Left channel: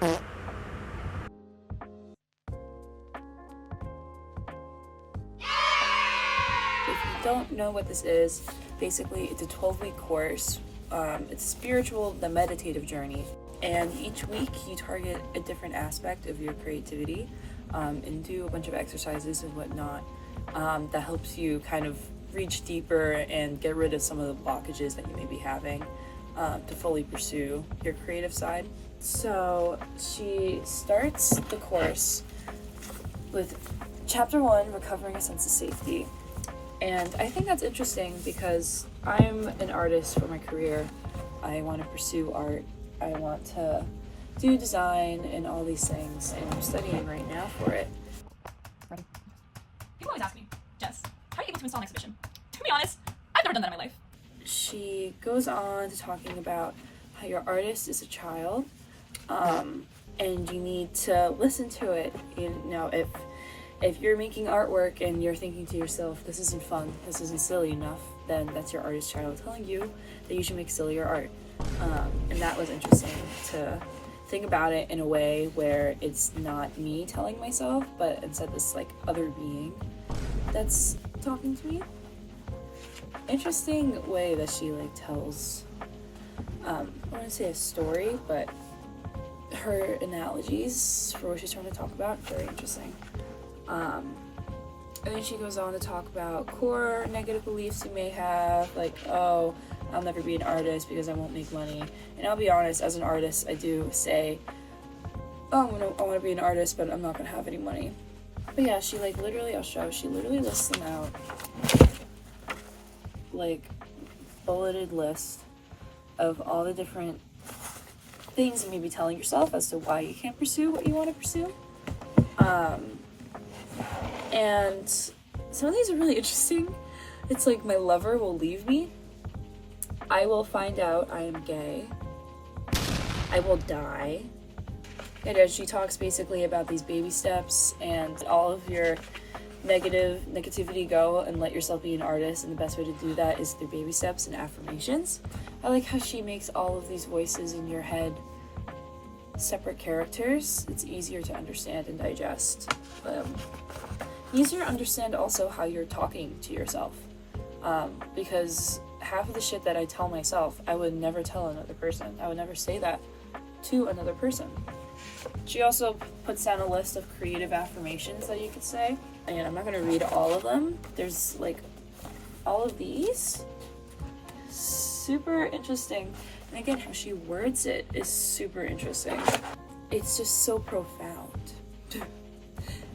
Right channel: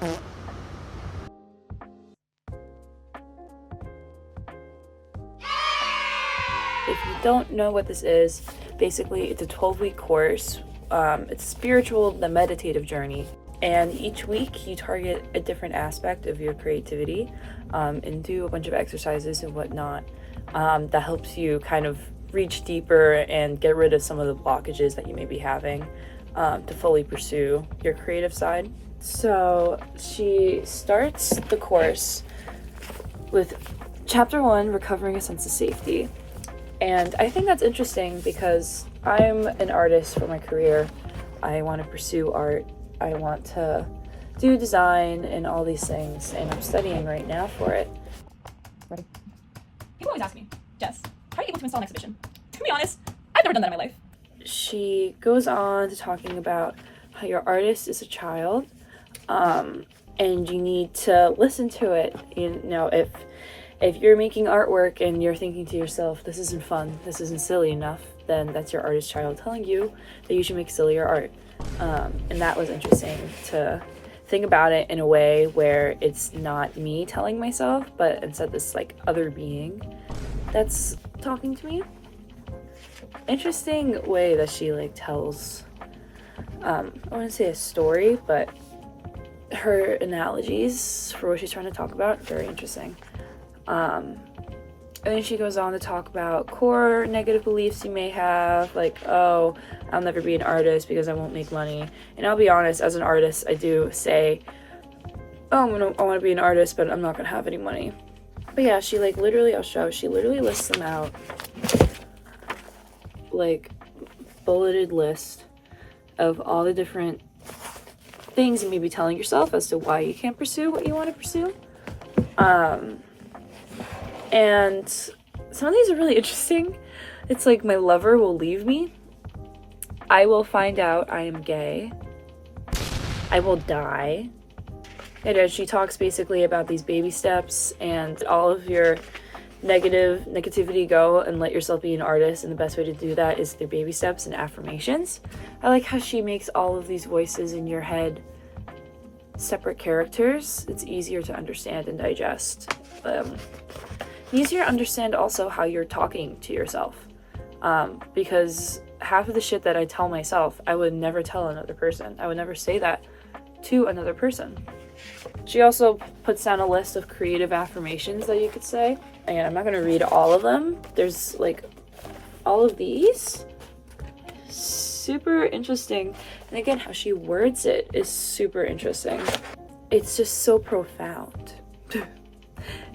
If you don't know what this is, basically it's a 12-week course. It's a spiritual, the meditative journey. And each week you target a different aspect of your creativity and do a bunch of exercises and whatnot that helps you kind of reach deeper and get rid of some of the blockages that you may be having to fully pursue your creative side. So she starts the course with Chapter 1, Recovering a Sense of Safety. And I think that's interesting because I'm an artist for my career. I want to pursue art. I want to do design and all these things, and I'm studying right now for it. Ready? People always ask me, Jess, how are you able to install an exhibition? To be honest, I've never done that in my life. She goes on to talking about how your artist is a child, and you need to listen to it. You know, if you're making artwork and you're thinking to yourself, this isn't fun, this isn't silly enough, then that's your artist child telling you that you should make sillier art. And that was interesting to think about it in a way where it's not me telling myself, but instead this like other being that's talking to me. Interesting way that she like tells, I wouldn't say a story, but her analogies for what she's trying to talk about, very interesting. And then she goes on to talk about core negative beliefs you may have, like, oh, I'll never be an artist because I won't make money. And I'll be honest, as an artist, I do say, oh, I want to be an artist, but I'm not going to have any money. But yeah, she like literally, I'll show, she literally lists them out, like bulleted list of all the different things you may be telling yourself as to why you can't pursue what you want to pursue. And some of these are really interesting. It's like, my lover will leave me. I will find out I am gay. I will die. And as she talks basically about these baby steps and all of your negativity go and let yourself be an artist, and the best way to do that is through baby steps and affirmations. I like how she makes all of these voices in your head separate characters. It's easier to understand and digest. Easier to understand also how you're talking to yourself, because half of the shit that I tell myself, I would never tell another person. I would never say that to another person. She also puts down a list of creative affirmations that you could say, and I'm not going to read all of them. There's like all of these. Super interesting. And again, how she words it is super interesting. It's just so profound.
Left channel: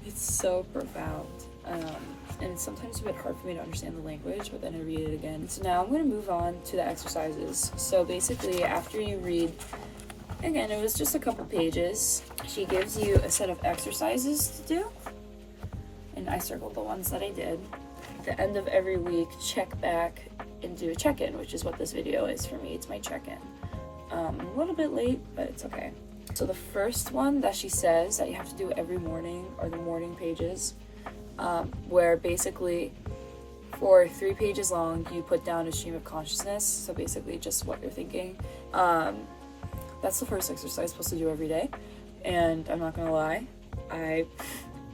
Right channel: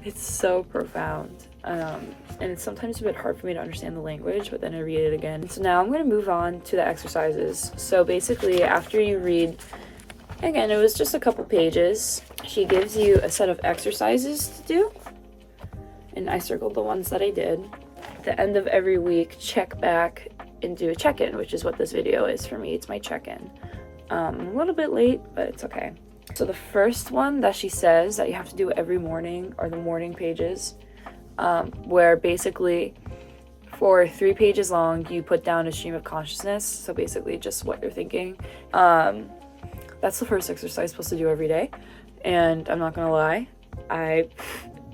It's so profound. And it's sometimes a bit hard for me to understand the language, but then I read it again. So now I'm going to move on to the exercises. So basically, after you read, again, it was just a couple pages, she gives you a set of exercises to do. And I circled the ones that I did. At the end of every week, check back and do a check-in, which is what this video is for me. It's my check-in. I'm a little bit late, but it's okay. So the first one that she says that you have to do every morning are the morning pages, where basically for 3 pages long, you put down a stream of consciousness. So basically just what you're thinking. That's the first exercise I'm supposed to do every day. And I'm not gonna lie, I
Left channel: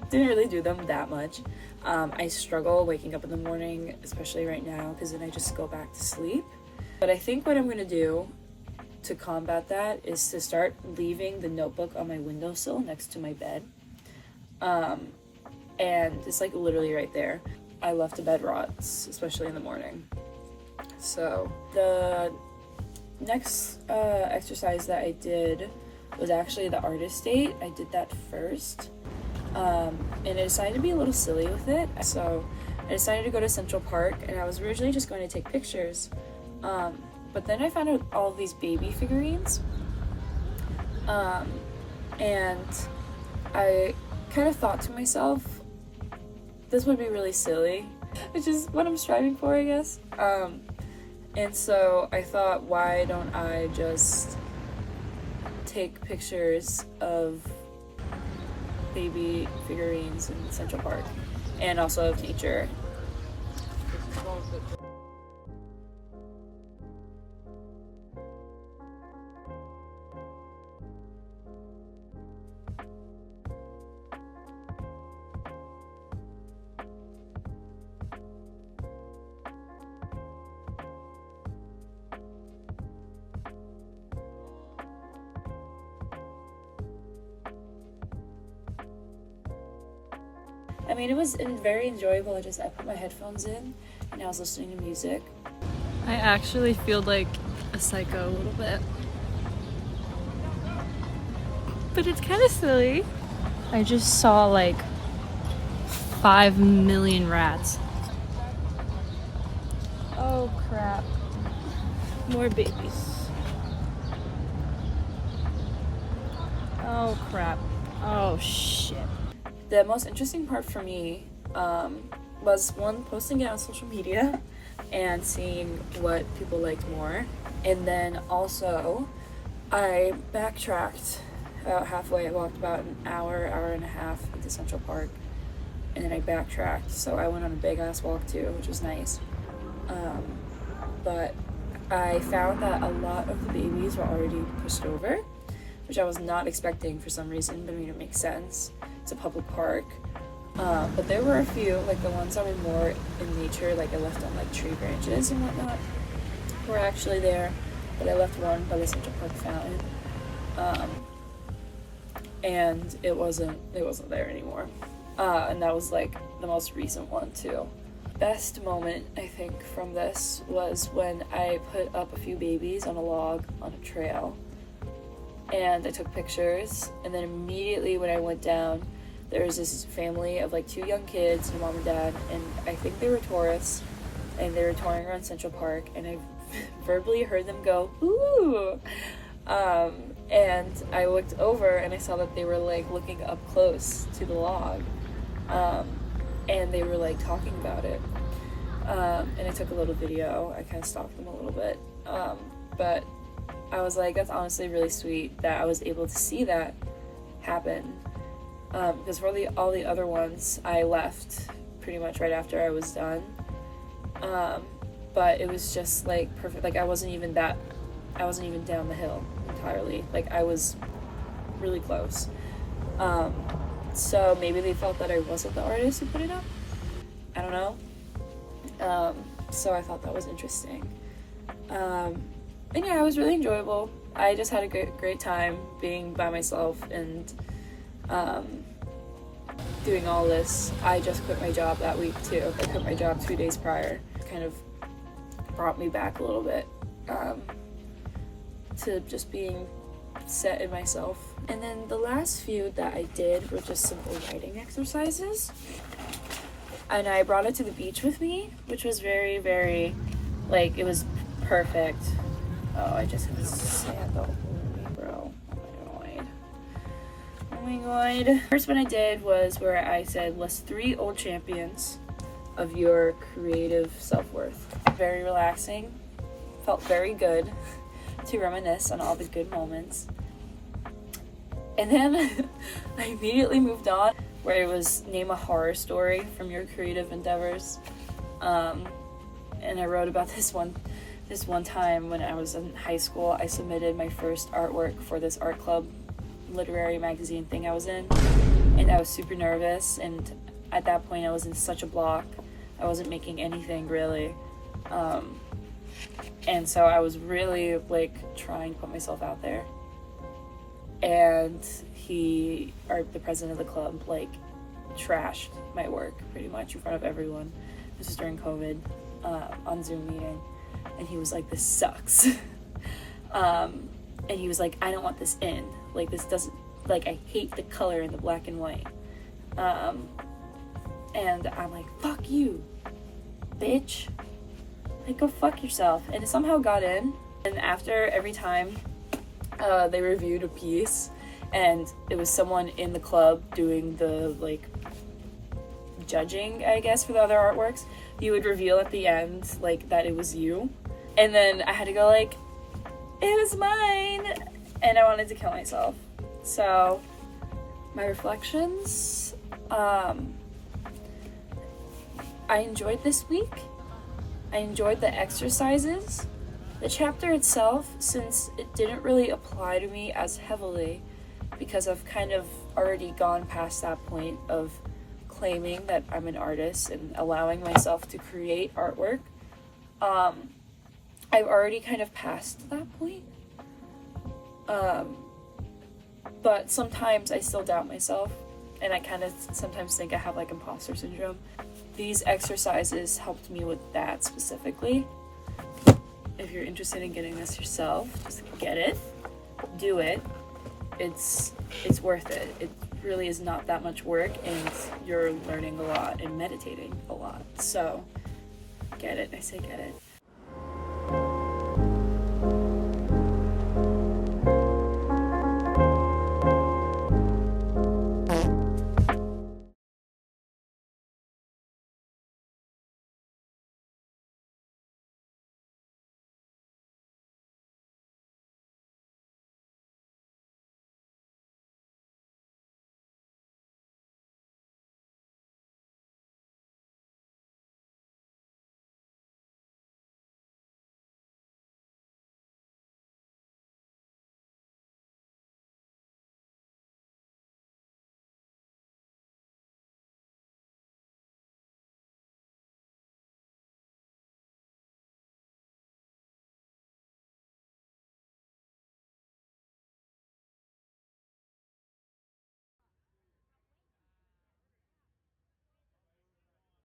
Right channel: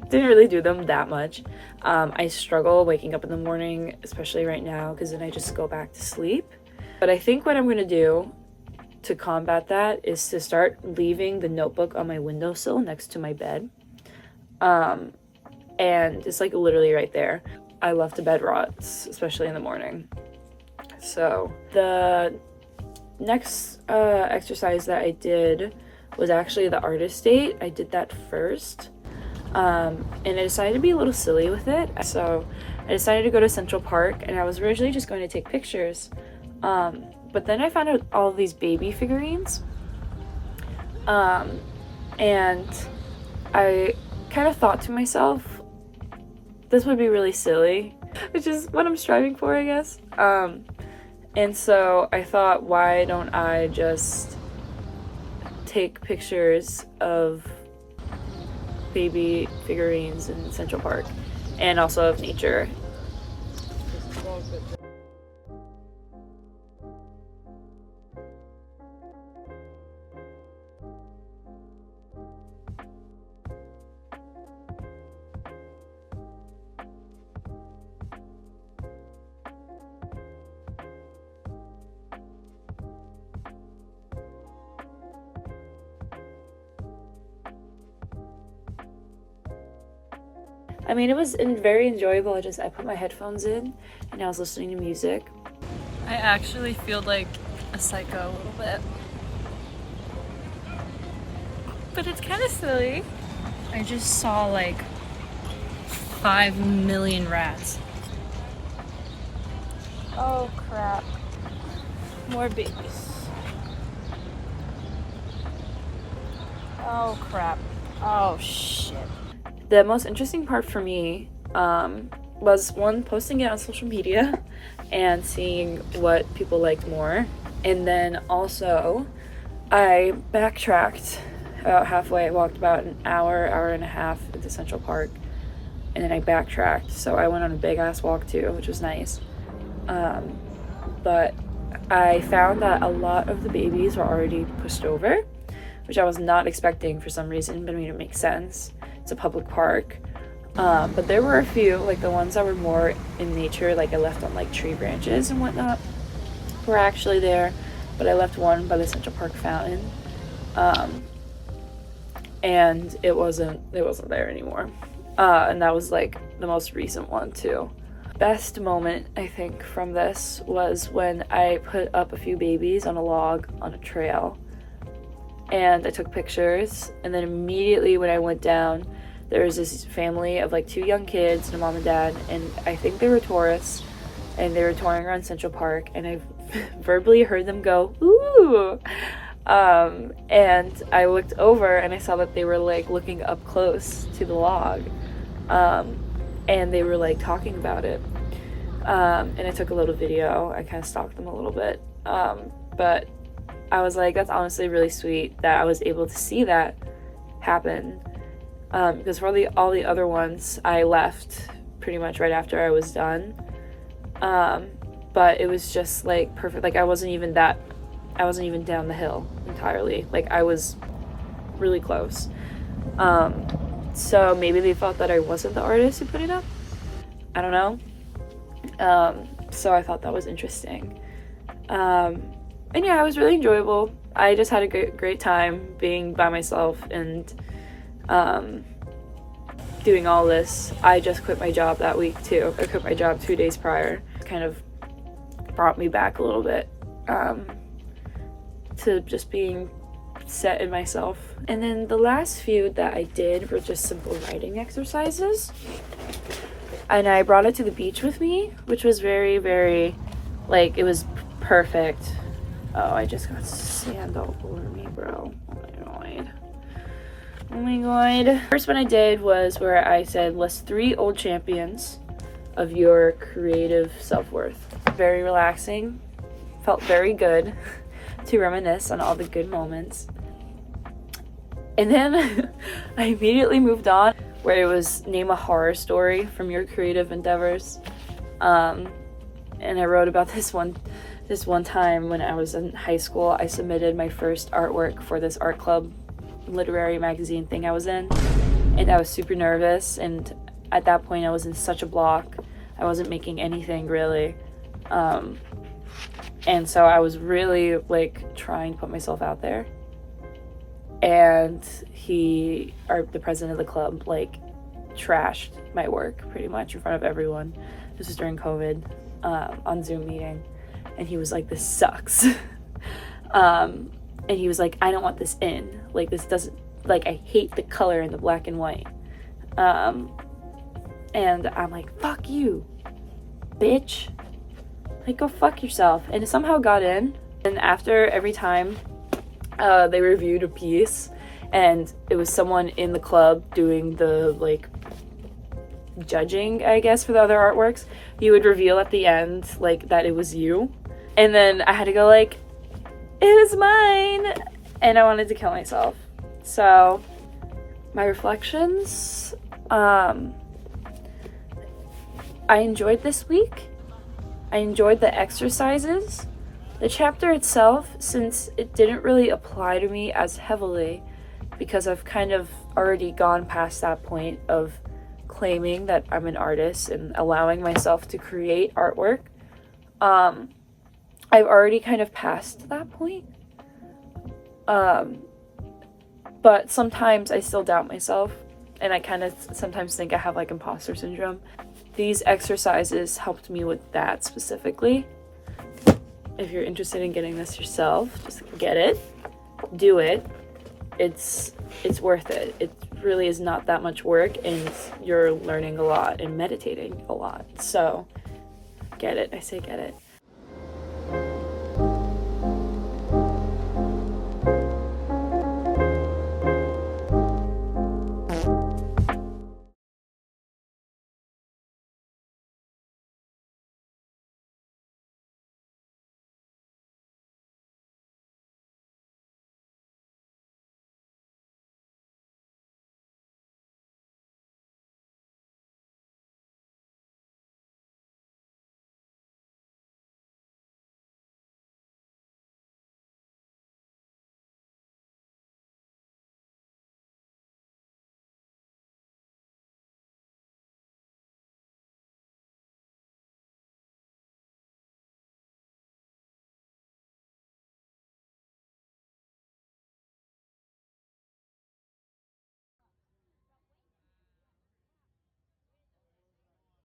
didn't really do them that much. I struggle waking up in the morning, especially right now, because then I just go back to sleep. But I think what I'm gonna do to combat that is to start leaving the notebook on my windowsill next to my bed. And it's like literally right there. I love to bed rot, especially in the morning. So the next exercise that I did was actually the artist date. I did that first. And I decided to be a little silly with it. So I decided to go to Central Park, and I was originally just going to take pictures. But then I found out all of these baby figurines. And I kind of thought to myself, this would be really silly, which is what I'm striving for, I guess. And so I thought, why don't I just take pictures of baby figurines in Central Park and also of nature. I mean, it was very enjoyable. I put my headphones in and I was listening to music. I actually feel like a psycho a little bit. But it's kind of silly. I just saw like 5 million rats. Oh crap. More babies. Oh crap. Oh shit. The most interesting part for me was one, posting it on social media and seeing what people liked more. And then also I backtracked about halfway. I walked about an hour and a half into Central Park, and then I backtracked. So I went on a big ass walk too, which was nice. But I found that a lot of the babies were already pushed over, which I was not expecting for some reason, but I mean, it makes sense. It's a public park. But there were a few, like the ones that were more in nature, like I left on like tree branches and whatnot, were actually there. But I left one by the Central Park fountain. And it wasn't there anymore. And that was like the most recent one too. Best moment I think from this was when I put up a few babies on a log on a trail, and I took pictures, and then immediately when I went down, there was this family of like 2 young kids and a mom and dad, and I think they were tourists, and they were touring around Central Park, and I verbally heard them go, "Ooh!" And I looked over and I saw that they were like looking up close to the log, and they were like talking about it, and I took a little video. I kind of stalked them a little bit, but I was like, that's honestly really sweet that I was able to see that happen, because for all the other ones I left pretty much right after I was done, but it was just like perfect. Like I wasn't even down the hill entirely. Like I was really close. So maybe they thought that I wasn't the artist who put it up. I don't know. So I thought that was interesting. And yeah, it was really enjoyable. I just had a great time being by myself and doing all this. I just quit my job that week too. I quit my job 2 days prior. Kind of brought me back a little bit to just being set in myself. And then the last few that I did were just simple writing exercises. And I brought it to the beach with me, which was very, very, like, it was perfect. Oh, I just got sand all over me, bro. Oh my god. First one I did was where I said, list 3 old champions of your creative self-worth. Very relaxing. Felt very good to reminisce on all the good moments. And then I immediately moved on, where it was name a horror story from your creative endeavors. And I wrote about this one time when I was in high school. I submitted my first artwork for this art club literary magazine thing I was in, and I was super nervous, and at that point I was in such a block. I wasn't making anything really, and so I was really like trying to put myself out there. And the president of the club, like trashed my work pretty much in front of everyone. This was during COVID, on Zoom meeting, and he was like, "This sucks." And he was like, "I don't want this in. Like, this doesn't, like, I hate the color in the black and white." And I'm like, "Fuck you, bitch. Like, go fuck yourself." And it somehow got in. And after every time they reviewed a piece, and it was someone in the club doing the, like, judging, I guess, for the other artworks, you would reveal at the end, like, that it was you. And then I had to go, like, "It was mine," and I wanted to kill myself. So my reflections, I enjoyed this week. I enjoyed the exercises. The chapter itself, since it didn't really apply to me as heavily, because I've kind of already gone past that point of claiming that I'm an artist and allowing myself to create artwork, I've already kind of passed that point. But sometimes I still doubt myself, and I kind of sometimes think I have like imposter syndrome. These exercises helped me with that specifically. If you're interested in getting this yourself, just get it, do it. It's worth it. It really is not that much work, and you're learning a lot and meditating a lot. So get it. I say get it.